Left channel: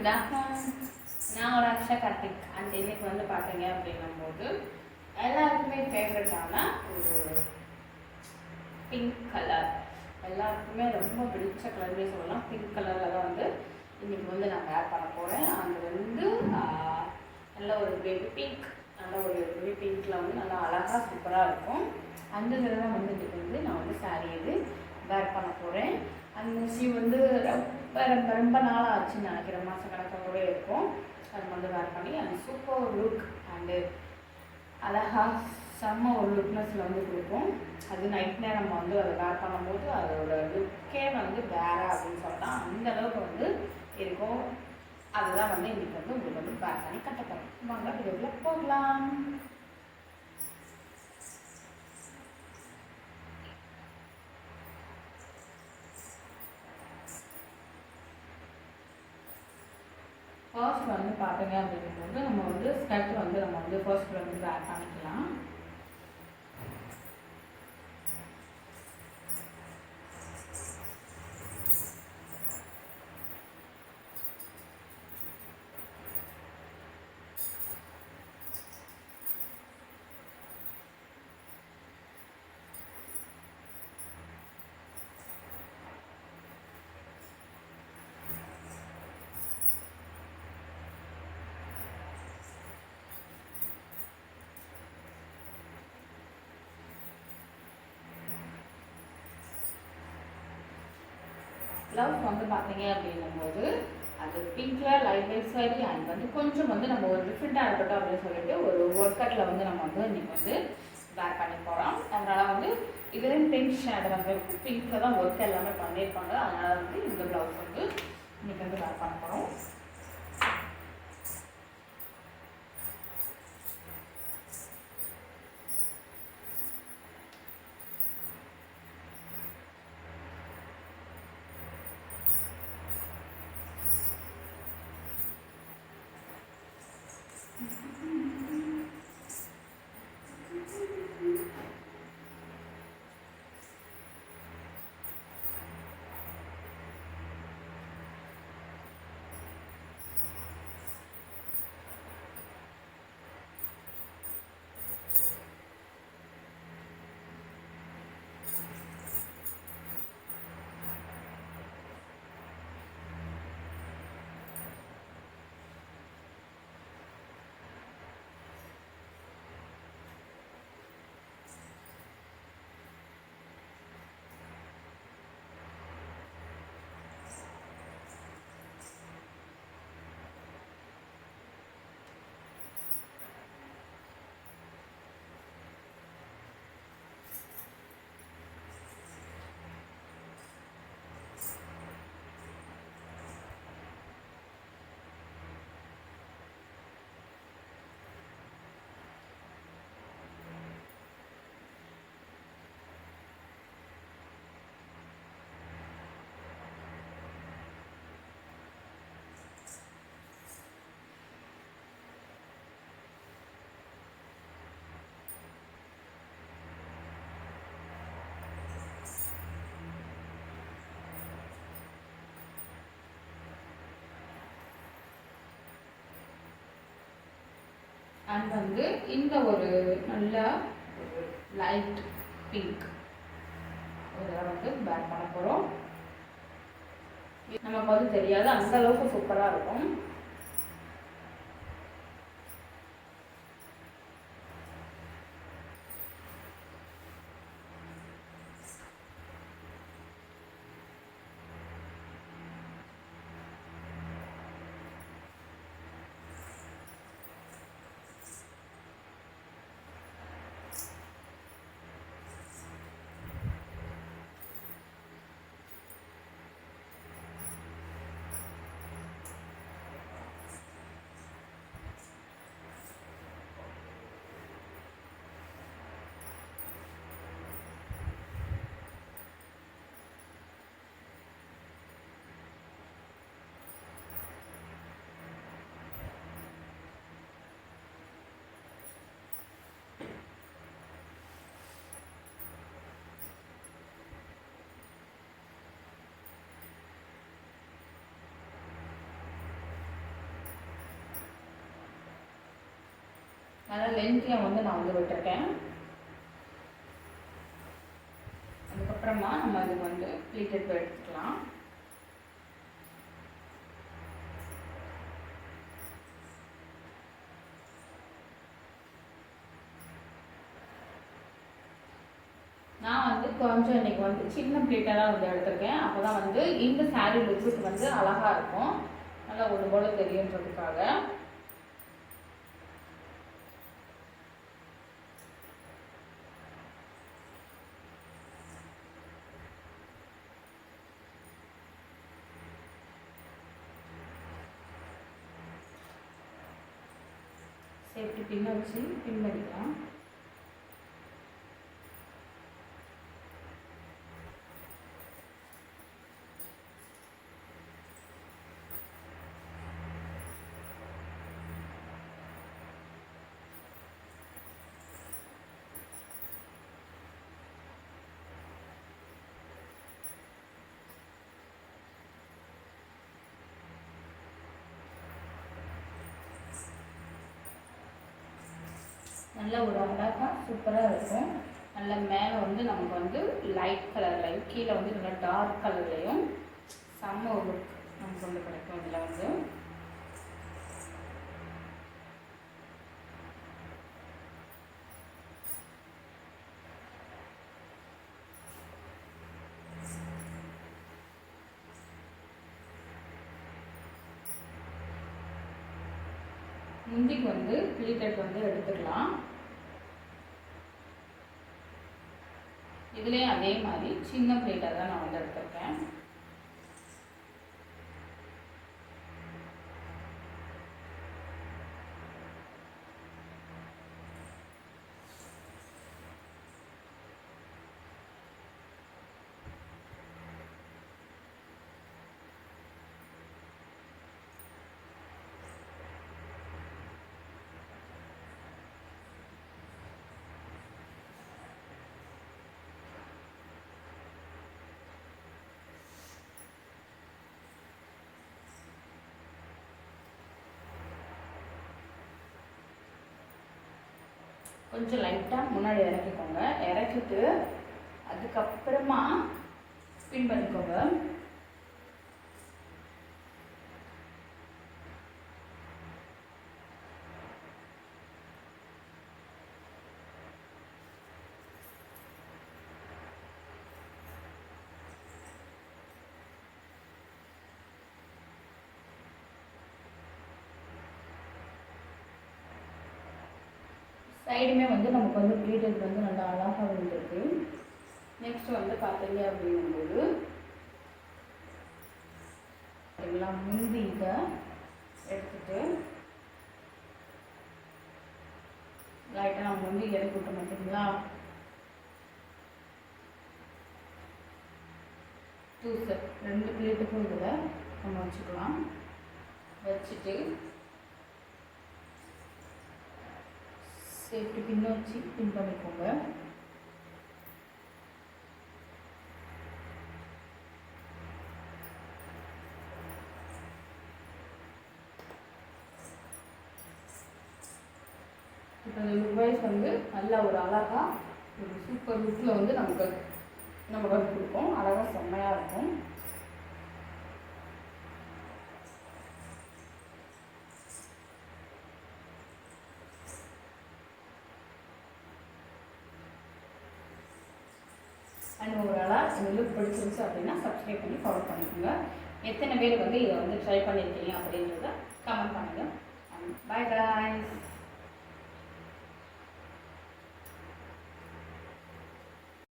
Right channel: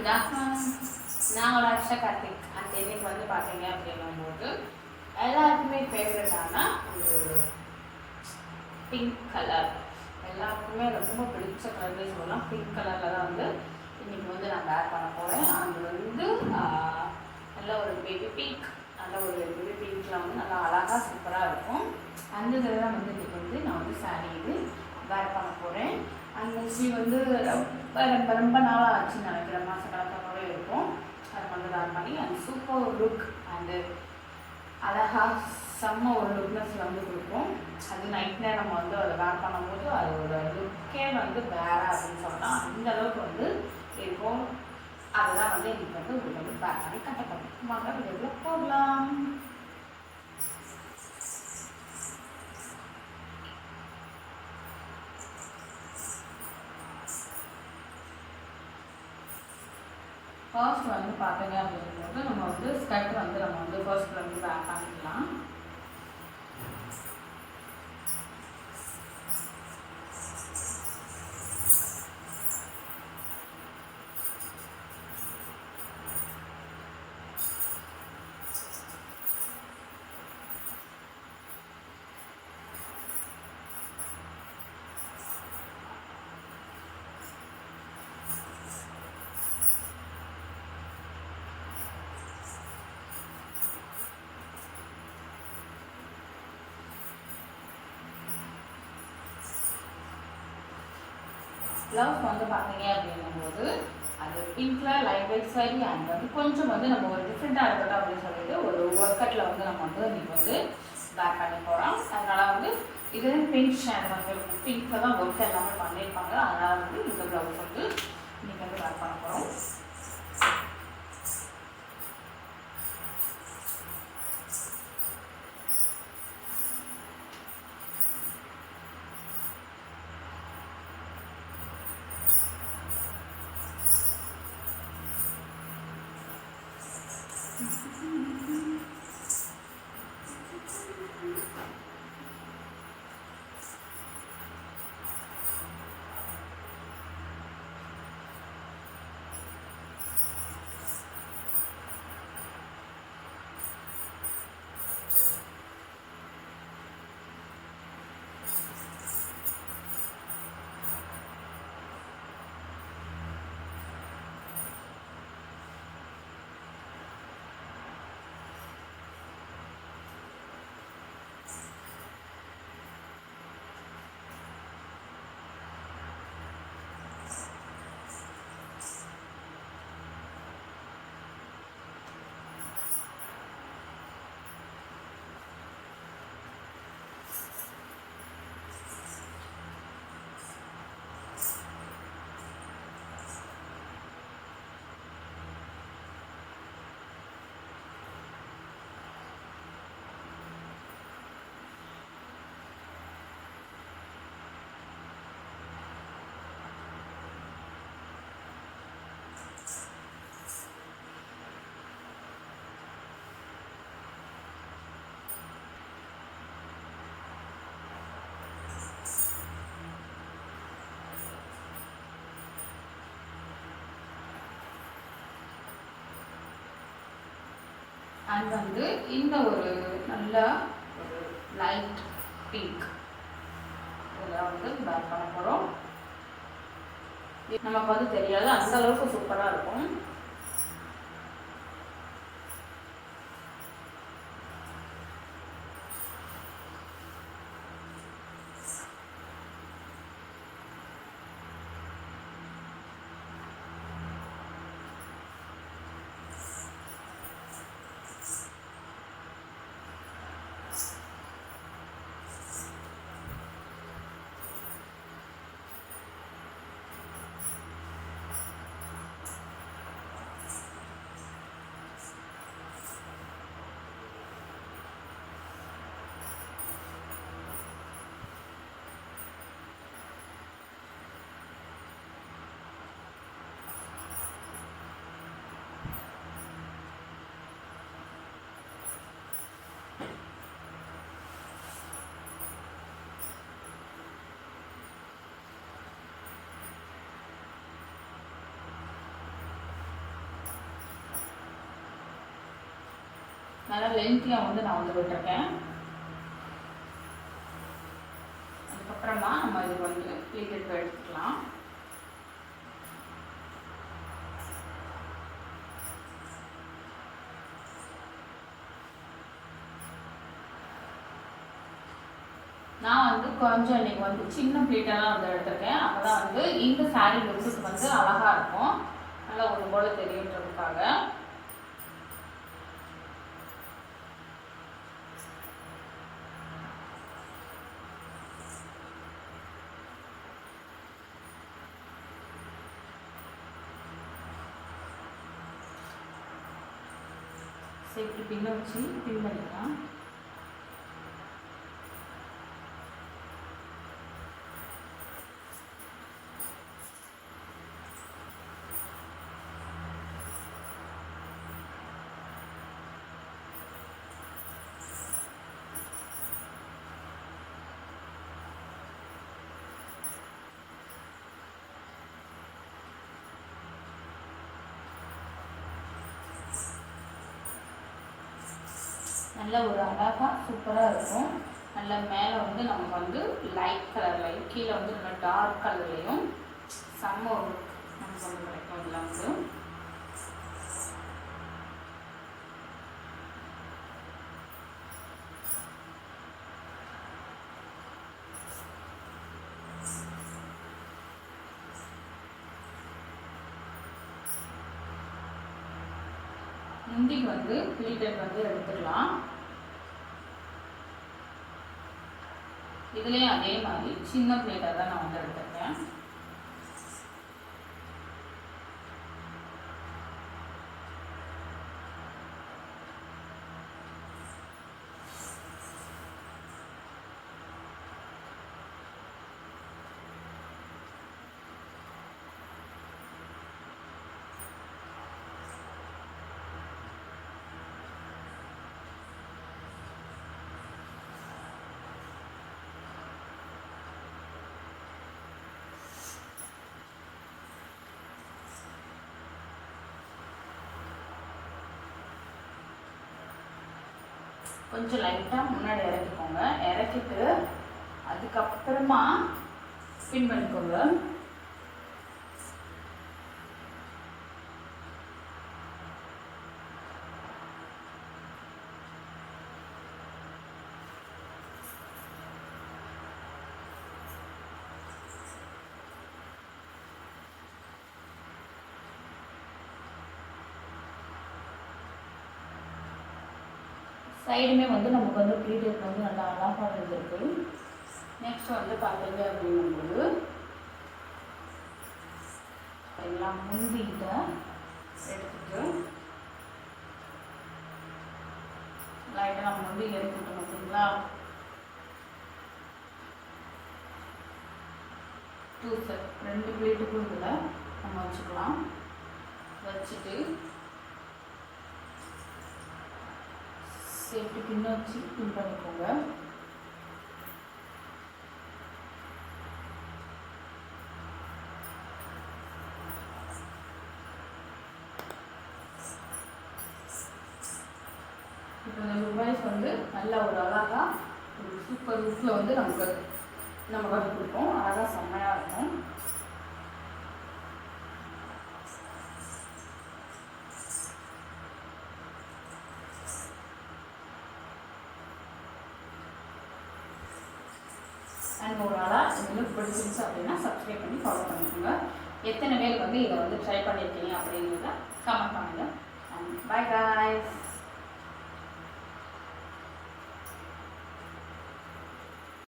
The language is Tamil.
Good afternoon. நான் ஒரு அக்ஷா கார்த்திக். அந்த இன்னைக்கு வந்து பார்த்தீங்க அப்படிங்கும்போது எல்லாருக்குமே ஃபேவரட்டான ஒரு பிங்க் கலர், எல்லாருக்குமே ரொம்ப பிடிச்ச கலர்னே சொல்லலாம். பிங்க் கலரில் தான் வந்து இன்னைக்கு வந்து நான் வேர் பண்ண போகிறேன். அது வந்து நல்ல ஒரு பேபி பிங்க், நல்ல ஒரு பேபி பிங்க்கில் வந்து நல்லா அழகாக சூப்பராக இருக்கும். அந்த இதில் தான் வந்து இன்னைக்கு வந்து நான் வந்து சாரீ இது வேர் பண்ண போகிறேன். அந்த வந்து ரொம்ப ரொம்ப ரொம்ப நாள் ஆச்சுன்னு நினைக்கிறேன், மாதம் கணக்கில் கூட இருக்கும். அது வந்து வேர் பண்ணி அந்த சூப்பர் லுக் அண்டு அழகாக செம்ம ஒரு லுக்னஸ் வந்து கொடுக்கும். அது நைட் நேரம் நம்ம வந்து அதை வேர் பண்ணும்போது அதோட லுக்கே வந்து வேற அப்படின்னு சொல்லலாம். அந்த அளவுக்கு வந்து இருக்கும். அதுதான் வந்து இன்னைக்கு வந்து உங்களுக்கு வந்து வேர் பண்ணி கட்டப்படும். வாங்க வீடியோக்குள்ள போகலாம். ஃபர்ஸ்ட் வந்து பார்த்தீங்க அப்படிங்கும்போது நம்ம வந்து ஸ்கர்ட் வந்து நம்ம வந்து ஃபர்ஸ்ட் வந்து வேர் பண்ணிக்கலாம். ப்ளவுஸ் வந்து பார்த்தீங்க அப்படிங்கும்போது அது பிங்க்கில் லைட் வைட் சாரி அண்ட் வந்து கொஞ்சம் வந்து நம்ம ஒரு டிஃப்ரெண்ட்டாக இருக்கட்டும் அப்படின்னு சொல்லிட்டு ஒரு ஒர்க் கட்டில் வந்து நம்ம வந்து இன்றைக்கி வந்து வேர் பண்ணி போகிறோம். அதனால் வந்து இதுலேயும் பிங்க் ஷேட் வந்து பிங்க்கில் தான் ஒர்க் எல்லாமே பண்ணியிருப்பாங்க. அதனால் வந்து இந்த ப்ளவுஸ் வந்து இன்றைக்கி வந்து வேர் பண்ண போகிறோம். அண்ட் வந்து இந்த ஒரு நல்ல ஒரு லைட் பிங்க் இதில் வந்து வேர் பண்ண போகிறோம். நமக்கு வந்து தெரியாது, அந்த அளவுக்கு சூப்பராக இருக்கும். நல்லா லென்த்தியாக வந்து நான் வந்து விட்டுருக்கேன். அதுக்கப்புறமா நம்ம இதுக்கு வந்து ப்ளீட்டட் எடுத்துக்கலாம். நான் வந்து கொஞ்சம் இன்றைக்கி வந்து சின்ன ப்ளீட்டெல்லாம் வந்து எடுத்திருக்கேன். அப்போ தான் வந்து இந்த சாரீ லுக்குக்கு வந்து அழகாக இருக்கும், நல்லா ஒரு போல தெரியுன்றதுக்காக. சேஃப்டி பின்ன வச்சு பின் பண்ணிக்கலாம். நல்ல ஒரு அழகாக சூப்பராக இருக்கும். நல்ல மேலே வந்து நமக்கு வந்து லைட் கலர்லையும் கீழே வந்து நல்லா டார்க் கலர்லையும் செம்ம ஒரு நமக்கு வந்து கிடைக்கும். இதில் வந்து முந்திக்கு வந்து ப்ளீட்டட் வந்து எடுத்துக்கலாம். இதுலேயும் அதே மாதிரி சின்ன ப்ளீட்டாக தான் நான் வந்து எடுத்துருக்கேன். கொஞ்சம் லைட்டாக முன்னாடி இறக்கிக்கோங்க. இறக்கிட்டு அதுக்கப்புறமா ஸ்பின் பண்ணிக்கோங்க. சைடுமே வந்து நமக்கு வந்து ப்ளீட்டட் வந்து நல்லா அழகாக வந்துருக்கு. நெக்ஸ்ட் வந்து பார்த்தீங்க அப்படிங்கும்போது எல்லாம் முந்திட்ட எடுத்துட்டு லைட்டாக நம்ம முந்தி எடுத்துட்டோம் பார்த்தீங்களா. 2 செட் 2 ப்ளீட்டுக்கும் இதில் நம்ம வச்சுக்கலாம். வச்சுட்டு சேஃப்டி பின்ன வச்சு பின் பண்ணிக்கோங்க. இப்போ இந்த ருபாய்ஸ் வந்து நல்ல ஒரு அழகாக ஒரு சூப்பர் லுக்கில் வந்து நம்ம கட்டி கொடுப்போம். அழகாக செம்மையாக இருக்கும். அண்ட் ஒரு நாளாக இந்த லுக் பிடிச்சிருந்துச்சு அப்படின்னா சப்ஸ்கிரைப் பண்ணி ஃபாலோ பண்ணிக்கோங்க. எத்தனை பேர் வந்து இதை வந்து ட்ரை பண்ணியிருக்கீங்க அப்படிங்கிறத கமெண்ட் பண்ணுங்கள். பாய்.